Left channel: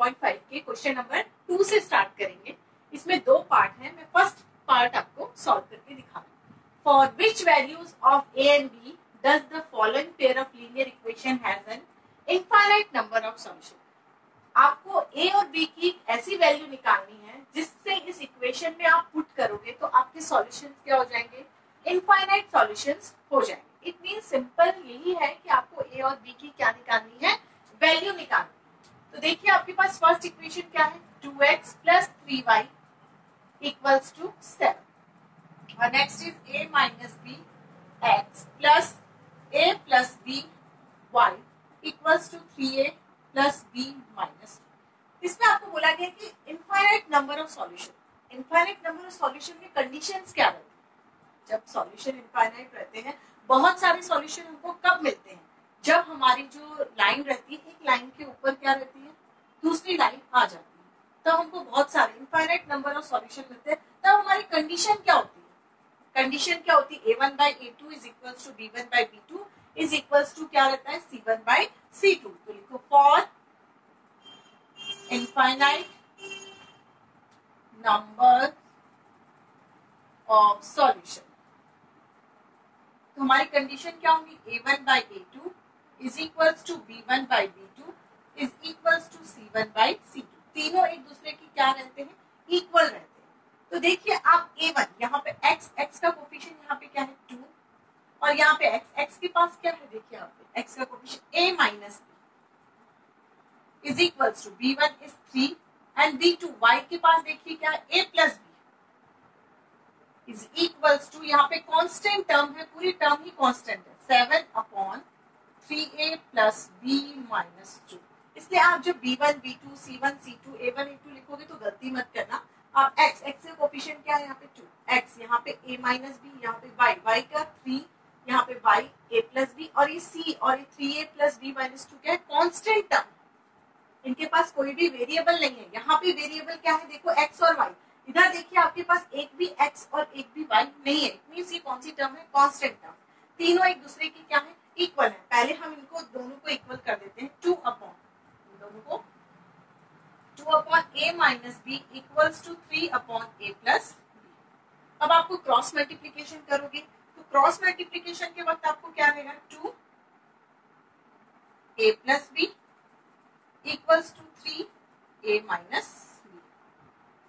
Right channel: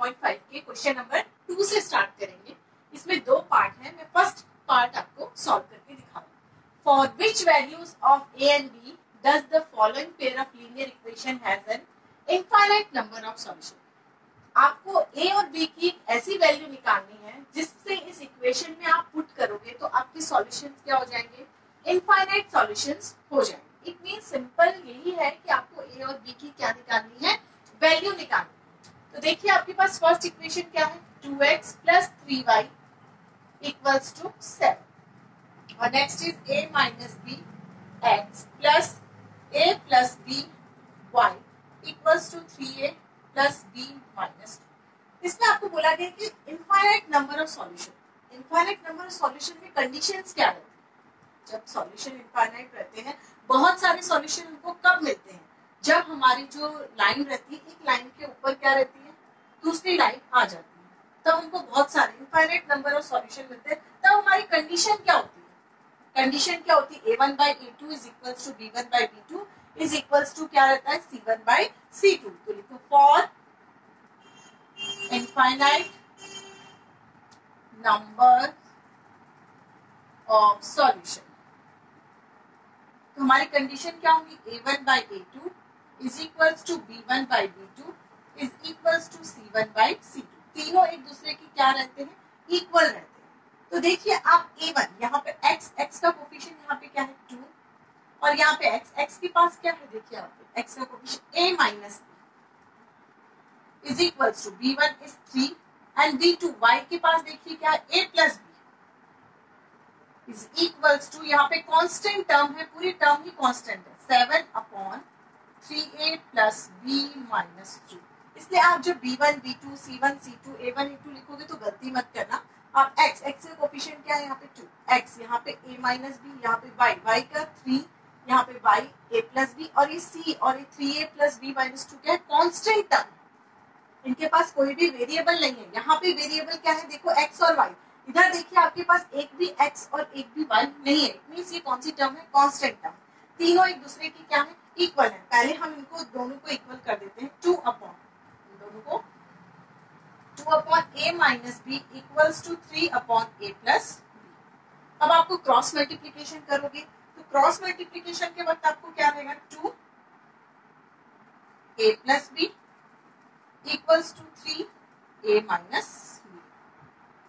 1.5 के question number 2 से start करेंगे। इसमें दो पार्ट है, मैं फर्स्ट पार्ट आपको सॉल्व करके दिखा रहा हूँ। For which values of a and b does the following pair of linear equation has an infinite number of solution. आपको ए और बी की ऐसी वैल्यू निकालनी है जिससे इस इक्वेशन में आप पुट करोगे तो आपके सॉल्यूशंस क्या हो जाएंगे, इनफाइनाइट सॉल्यूशंस हो जाएंगे। इट मीन सिंपल यही है कि आपको ए और बी की क्या निकालनी है, वैल्यू निकालनी। तो देखिए आपके पास फर्स्ट इक्वेशन क्या है, 2x + 3y = 7 और next is a - b x + a + b y = 3a + b - 2। इसमें आपको बोला गया कि infinite number of solution. Infinite number of solution के कंडीशंस क्या रहते हैं? जब सॉल्यूशन इनफाइनाइट रहते हैं, बहुत सारे सॉल्यूशन हमको कब मिलते हैं, जब हमारी जो लाइन रहती है, एक लाइन के ऊपर क्या रहती है, दूसरी लाइन आ जाती है, तब हमको बहुत सारे इनफाइनाइट नंबर ऑफ सॉल्यूशन मिलते हैं। तब हमारी कंडीशन क्या होती है, कंडीशन क्या होती है, a1/a2 = b1/b2 = क्या रहता है, c1/c2। तो लिखो for infinite number of solution. तो हमारी कंडीशन क्या होगी, a1/a2 = b1/b2 = c1/c2। तीनों एक दूसरे की क्या रहते हैं, इक्वल रहते हैं। तो देखिए आप a1 यहाँ पे x का कोफिशिएंट यहाँ पे क्या है 2 और यहाँ पे x के पास क्या है, देखिए यहाँ पे x का coefficient a - b b1 is 3 and b2 y के पास देखिए क्या है a + b = यहाँ पे कांस्टेंट टर्म है, पूरी टर्म ही कांस्टेंट है, 7/3a + b - 2। इसलिए आप जब b1 b2 c1 c2 a1 a2 लिखोगे तो गलती मत करना। आप x का कोफिशिएंट क्या है, यहाँ पे 2 x, यहाँ पे a - b, यहाँ पे y का 3, यहाँ पे y a + b और ये c और ये 3a + b - 2 क्या है, कांस्टेंट टर्म। इनके पास कोई भी वेरिएबल नहीं है। यहाँ पे वेरिएबल क्या है, देखो x और y। इधर देखिए आपके पास एक भी x और एक भी y नहीं है। इट मींस ये कौन सी टर्म है, कांस्टेंट टर्म। तीनों एक दूसरे की क्या है, इक्वल है। पहले हम इनको दोनों को इक्वल कर देते हैं, 2 अपॉन दोनों को 2/a - b = 3/a + b। अब आपको क्रॉस मल्टीप्लीकेशन करोगे तो क्रॉस मल्टीप्लीकेशन के वक्त आपको क्या रहेगा, 2a + b = 3a - b।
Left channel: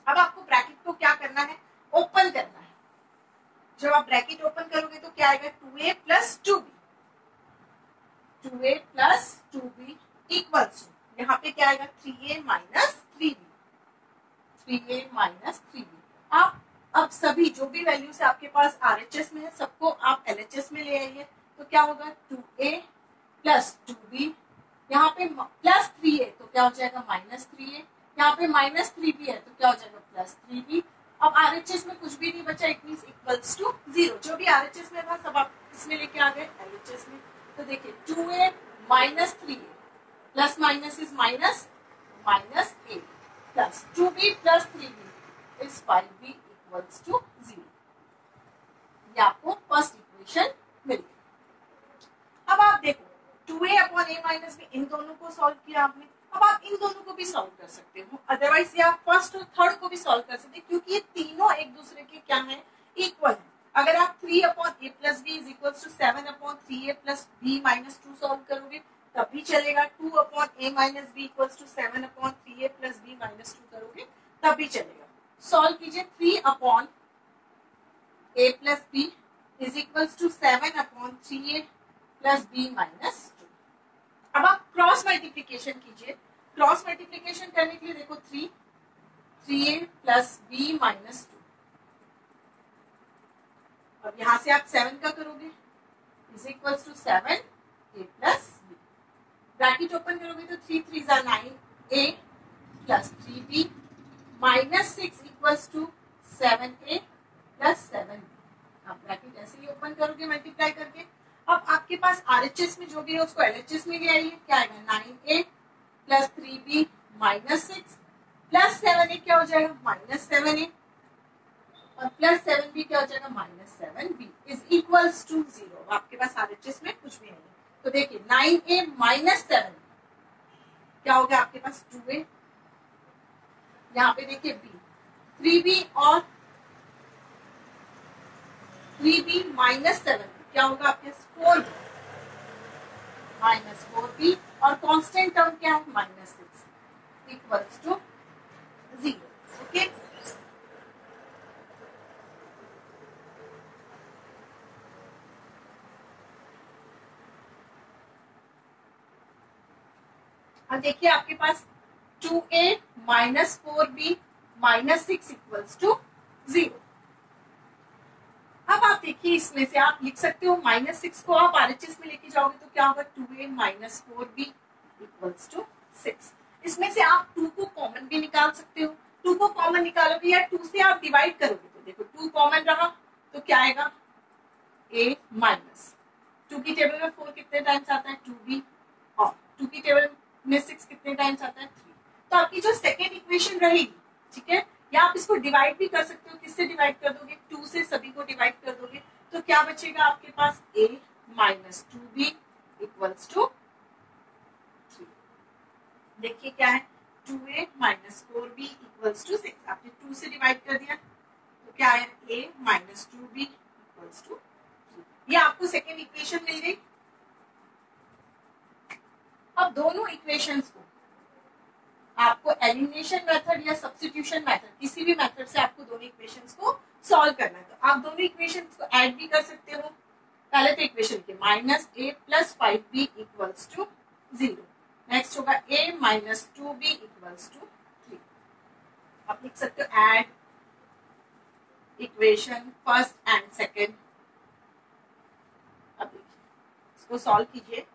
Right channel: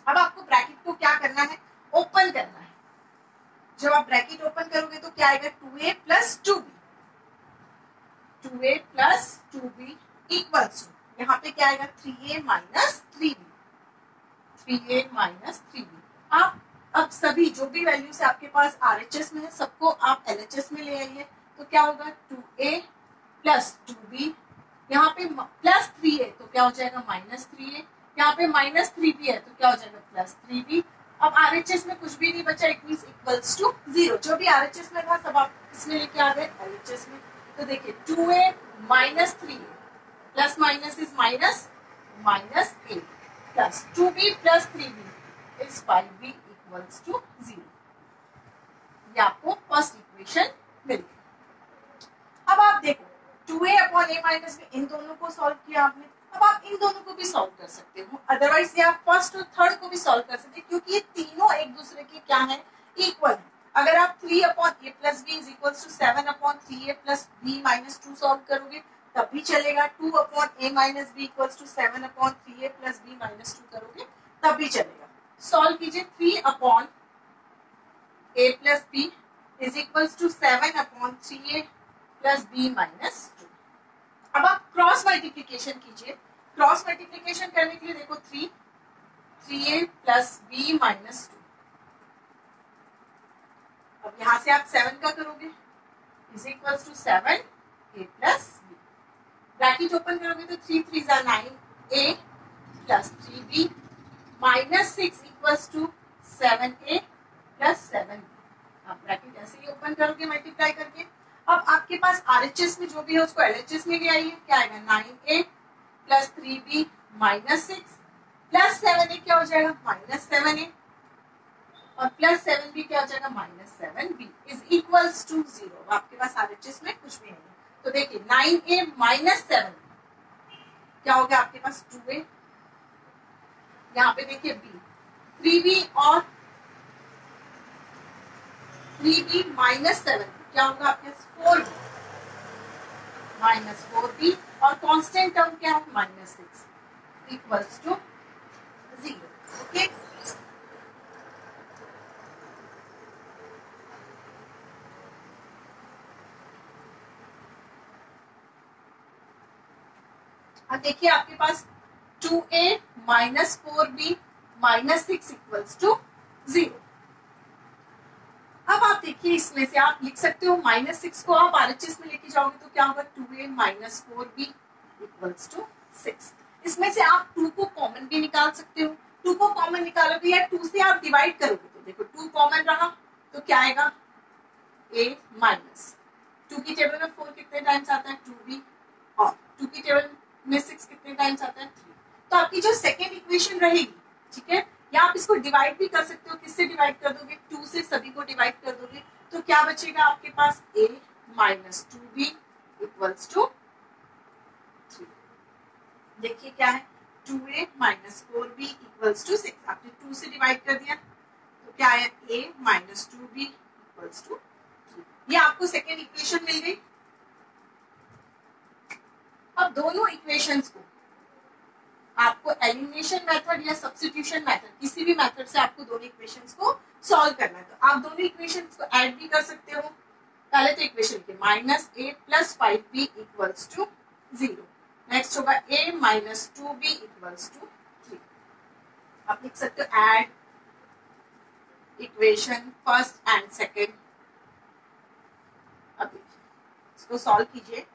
अब आपको ब्रैकेट को क्या करना है, ओपन करना है। जब आप ब्रैकेट ओपन करोगे तो क्या आएगा, 2a + 2b 2a + 2b = यहाँ पे क्या आएगा, 3a - 3b 3a - 3b। आप अब सभी जो भी वैल्यूज आपके पास RHS में है सबको आप LHS में ले आइए। तो क्या होगा, 2a + 2b, यहाँ पे +3a तो क्या हो जाएगा, -3a, यहाँ पे -3b है तो क्या हो जाएगा, +3b। अब RHS में कुछ भी नहीं बचा, इट मींस = 0। जो भी RHS में था सब आप इसमें लेके आ गए LHS में। तो देखिए 2a - 3a plus minus is minus -a plus 2b + 3b is 5b = 0। ये आपको फर्स्ट इक्वेशन मिल गई। अब आप देखो 2a/a - b, इन दोनों को सॉल्व किया आपने। अब आप इन दोनों को भी सॉल्व कर सकते हो, अदरवाइज ये आप फर्स्ट और थर्ड को भी सॉल्व कर सकते हैं, क्योंकि ये तीनों एक दूसरे के क्या है, इक्वल है। अगर आप 3/a + b = 7/3a + b - 2 solve करोगे तब भी चलेगा। 2/a - b = 7/3a + b - 2 करोगे तब भी चलेगा। सॉल्व कीजिए 3/a + b = 7/3a + b - 2। अब आप क्रॉस मल्टीप्लीकेशन कीजिए। क्रॉस मल्टीप्लीकेशन करने के लिए देखो 3a + b - 2। अब यहां से आप 7 का करोगे = 7a + b। ब्रैकेट ओपन करोगे तो 3 3 = 9a + 3b -6 = 7a + 7b। आप ब्रैकेट ऐसे ही ओपन करोगे मल्टीप्लाई करके। अब आपके पास RHS में जो भी है उसको LHS में ले आइए। क्या आएगा, 9a + 3b -6 + 7a क्या हो जाएगा, -7a और +7b क्या हो जाएगा, -7b = 0। आपके पास RHS में कुछ भी नहीं है। तो देखिए 9a - 7 क्या हो गया आपके पास, 2a यहाँ पे देखिए बी, 3b और 3b माइनस 7 क्या होगा आपके पास 4b माइनस 4b और कांस्टेंट टर्म क्या है -6 इक्वल्स टू 0। ओके, अब देखिए आपके पास 2a minus 4b minus 6 equals to 0। अब आप देखिए इसमें से आप लिख सकते हो -6 को आप RHS में लेके जाओगे तो क्या होगा 2a minus 4b equals to 6। इसमें से आप 2 को कॉमन भी निकाल सकते हो। 2 को कॉमन निकालोगे या 2 से आप डिवाइड करोगे तो देखो 2 कॉमन रहा तो क्या आएगा a माइनस 2 की टेबल में 4 कितने टाइम्स आता है 2b और 2 की टेबल में 6 कितने टाइम्स आता है 3। तो आपकी जो सेकेंड इक्वेशन रहेगी, ठीक है, या आप इसको डिवाइड भी कर सकते हो। किससे डिवाइड कर दोगे 2 से सभी को डिवाइड कर दोगे तो क्या बचेगा आपके पास a minus 2b equals to 3। देखिए क्या है 2a minus 4b equals to 6। आपने 2 से डिवाइड कर दिया तो क्या है a minus 2b equals to 3। ये आपको सेकेंड इक्वेशन मिल गई। अब दोनों इक्वेशंस को आपको एलिमिनेशन मेथड या सब्स्टिट्यूशन मेथड किसी भी मेथड से आपको दोनों इक्वेशंस को सॉल्व करना है। तो आप दोनों इक्वेशंस को ऐड भी कर सकते हो। पहले तो इक्वेशन के minus a plus 5b equals to 0। Next होगा a minus 2b equals to 3। आप लिख सकते हो add equation first and second. अब देखिए इसको सॉल्व कीजिए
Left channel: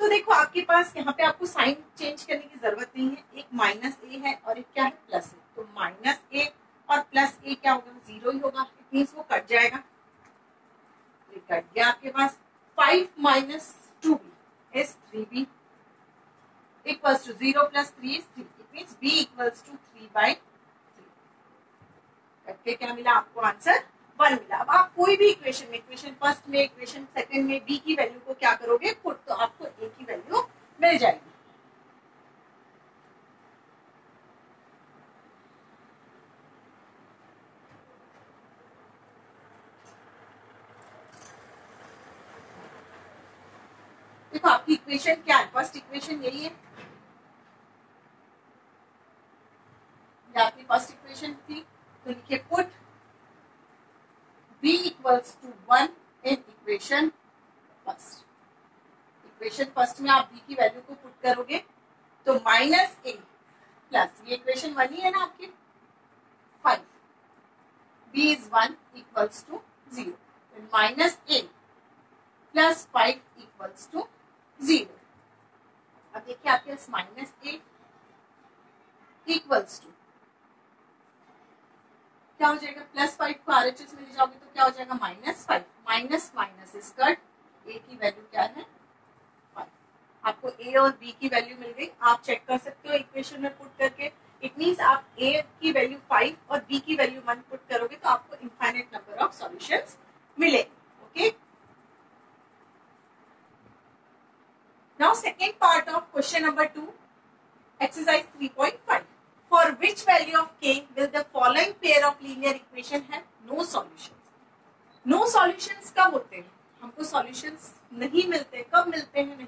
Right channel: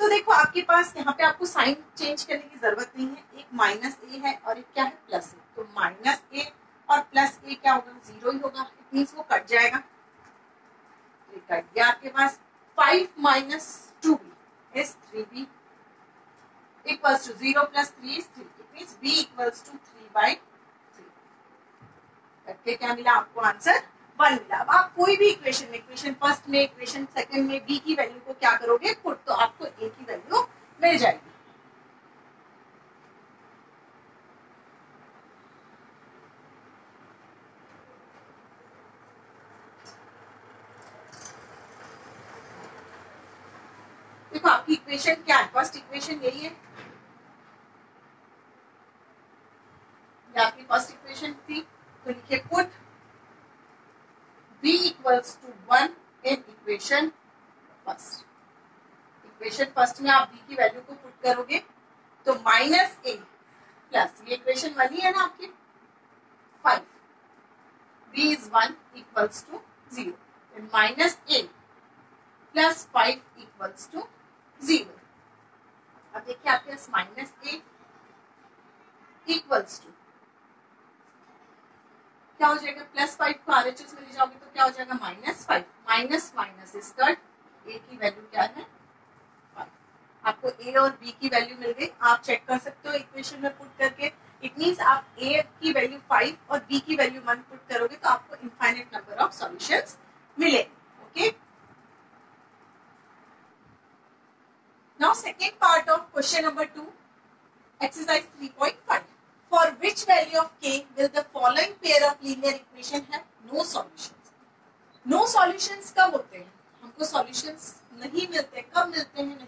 तो देखो आपके पास यहाँ पे आपको साइन चेंज करने की जरूरत नहीं है। एक माइनस ए है और एक क्या है प्लस ए। तो माइनस ए और प्लस ए क्या होगा 0 ही होगा। इट मीन्स वो कट जाएगा। ये कट गया आपके पास 5 minus 2b is 3b equals to 0 plus 3 is 3। It means b equals to 3/3। करके क्या मिला आपको आंसर 1 मिला। अब आप कोई भी इक्वेशन में, इक्वेशन फर्स्ट में, इक्वेशन सेकंड में b की वैल्यू को क्या करोगे पुट तो आपको a की वैल्यू मिल जाएगी। देखो आपकी इक्वेशन क्या है, फर्स्ट इक्वेशन यही है। आपकी फर्स्ट इक्वेशन थी तो लिखिए put b equals to 1 in equation first. Equation first में आप b की वैल्यू को पुट करोगे तो माइनस a प्लस ये इक्वेशन 1 ही है ना आपकी 5 b is 1 equals to 0 minus a plus 5 equals to 0। अब देखिए आपके पास माइनस a इक्वल्स टू क्या हो जाएगा प्लस 5 को RHS में ले जाओगे तो क्या हो जाएगा -5। Minus minus is cut a की वैल्यू क्या है 5। आपको a और b की वैल्यू मिल गई। आप चेक कर सकते हो इक्वेशन में पुट करके। इट मींस आप a की वैल्यू 5 और b की वैल्यू 1 पुट करोगे तो आपको इनफाइनाइट नंबर ऑफ सॉल्यूशंस मिलेंगे। Okay, now second part of question number 2 exercise 3.5। For which value of k will the following pair of linear equation have no solutions? No solutions कब होते हैं? हमको solutions नहीं मिलते। कब मिलते हैं? नहीं,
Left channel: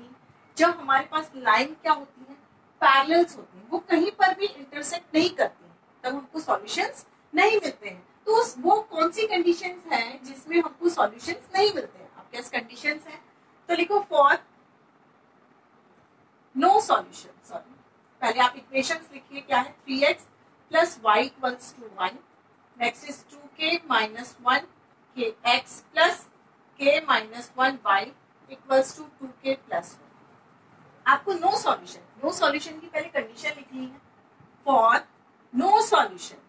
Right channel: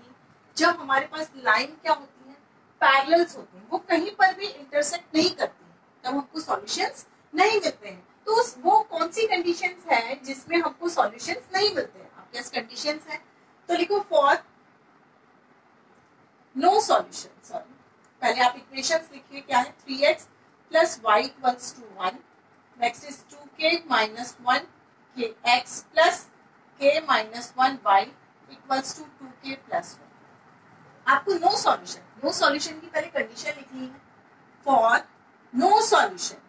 जब हमारे पास लाइन क्या होती है पैरेलल्स होती है, वो कहीं पर भी इंटरसेक्ट नहीं करती है, तब हमको solutions नहीं मिलते हैं। तो वो कौन सी कंडीशंस हैं जिसमें हमको solutions नहीं मिलते हैं? आपके पास कंडीशंस हैं तो लिखो for no solutions। सॉरी, पहले आप इक्वेशंस लिखिए क्या है 3x plus y equals to 1। Next is 2k minus 1 kx plus k minus 1 y equals to 2k plus 1। आपको नो सॉल्यूशन, नो सॉल्यूशन की पहले कंडीशन लिखनी है। For no solution,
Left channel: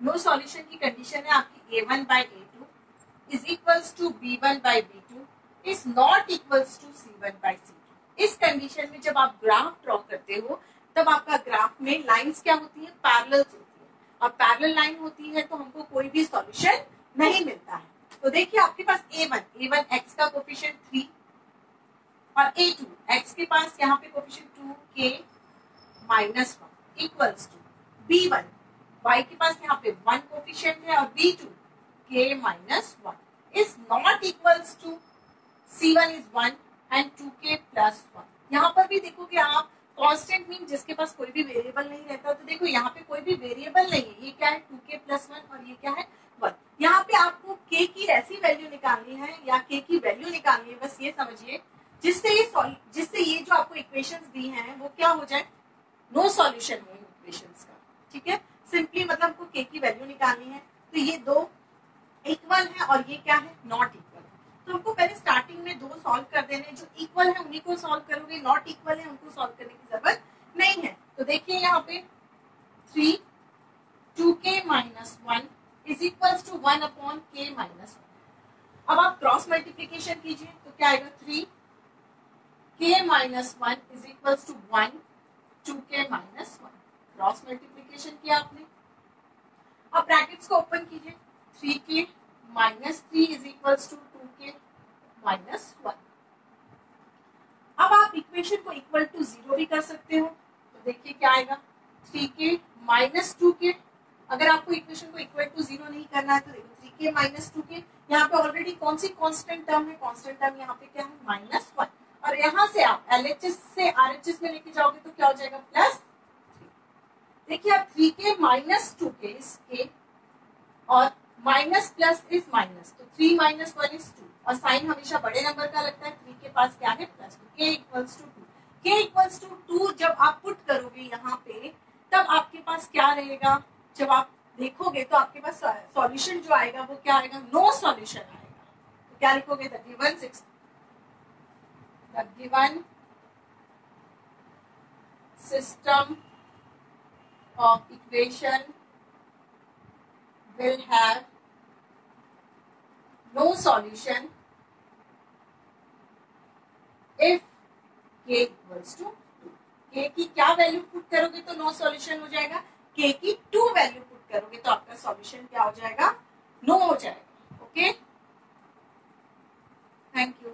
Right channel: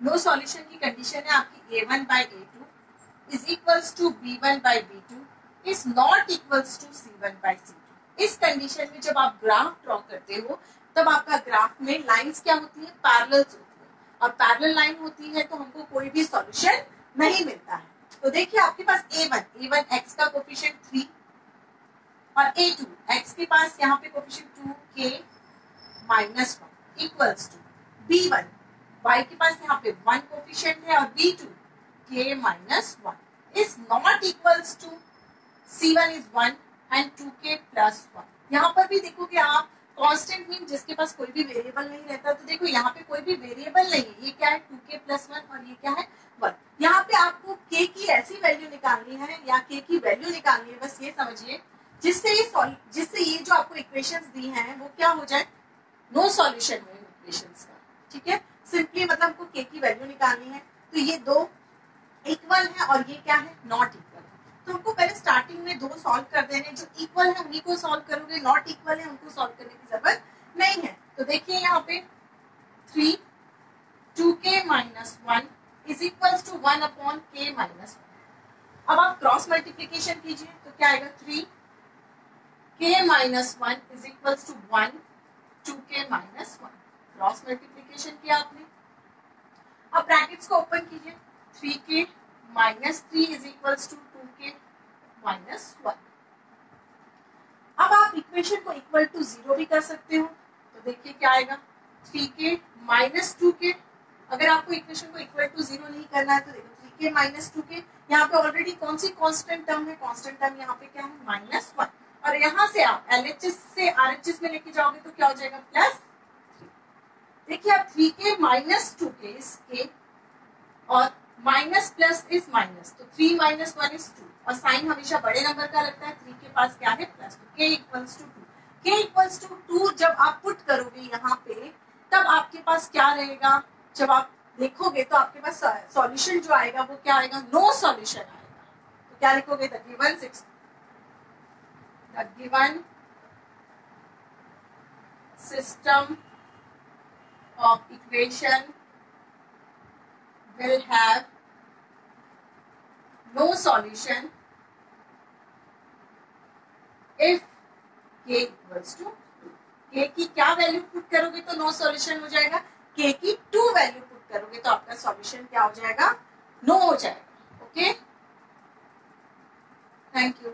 no solution की कंडीशन है आपकी a1 by a2 is equals to b1 by b2 is not equals to c1 by c2। इस condition में जब आप ग्राफ ड्रॉ करते हो तब आपका ग्राफ में लाइंस क्या होती है पैरेलल्स होती है। और पैरेलल लाइन होती है तो हमको कोई भी सॉल्यूशन नहीं मिलता है। तो देखिए आपके पास a1 x का कोफिशिएंट 3 और a2 x के पास यहाँ पे coefficient 2k minus one equals to B1, y के पास यहाँ पे 1 कोफिशिएंट है और B2 k minus 1 is not equals to C1 is 1 and 2k plus 1। यहाँ पर भी देखो कि आप कांस्टेंट मीन जिसके पास कोई भी वेरिएबल नहीं रहता, तो देखो यहाँ पे कोई भी वेरिएबल नहीं है, ये क्या है 2k प्लस 1 और ये क्या है 1। यहाँ पे आपको k की ऐसी वैल्यू निकालनी है या k की वैल्यू निकालनी है, बस ये समझिए जिससे ये जो आपको इक्वेशंस दी हैं वो क्या हो जाए, नो सॉल्यूशन हो इक्वेशंस का। ठीक है, सिंपली मतलब आपको k की वैल्यू निकालनी है, तो ये दो इक्वल है और ये क्या है नॉट इक्वल। तो हमको पहले स्टार्टिंग में दो सॉल्व कर देने, जो इक्वल है उन्हीं को सॉल्व करोगे, नॉट इक्वल है उनको सॉल्व करने की जरूरत नहीं है। तो देखिए यहाँ पे 3 2k minus 1 is equal to 1 upon k minus 1। अब आप क्रॉस मल्टीप्लीकेशन कीजिए तो क्या आएगा 3k minus 1 is equal to 1 2k minus 1। Cross multiplication किया आपने। अब ब्रैकेट्स को ओपन कीजिए, 3k minus 3 is equal to 2k minus 1। अब आप इक्वेशन को इक्वल टू 0 भी कर सकते हो, तो देखिए क्या आएगा 3k माइनस 2k। अगर आपको इक्वेशन को इक्वल टू 0 नहीं करना है तो देखो 3k माइनस 2k, यहाँ पे ऑलरेडी कौन सी कांस्टेंट टर्म है, कांस्टेंट टर्म यहाँ पे क्या है माइनस 1, और यहाँ से आप LHS से RHS में लेके जाओगे तो क्या हो जाएगा प्लस। देखिए अब 3k minus 2k is k और माइनस प्लस इज माइनस, तो 3 माइनस 1 इज 2 और साइन हमेशा बड़े नंबर का लगता है, 3 के पास क्या है प्लस, तो k equals to 2। k equals to 2 जब आप पुट करोगे यहाँ पे तब आपके पास क्या रहेगा, जब आप देखोगे तो आपके पास सॉल्यूशन जो आएगा वो क्या आएगा, नो सॉल्यूशन आएगा। तो क्या लिखोगे, the given system of equation will have no solution if k equals to 2। k की क्या वैल्यू पुट करोगे तो नो सॉल्यूशन हो जाएगा, k की 2 वैल्यू पुट करोगे तो आपका सॉल्यूशन क्या हो जाएगा, नो हो जाएगा। Okay, thank you.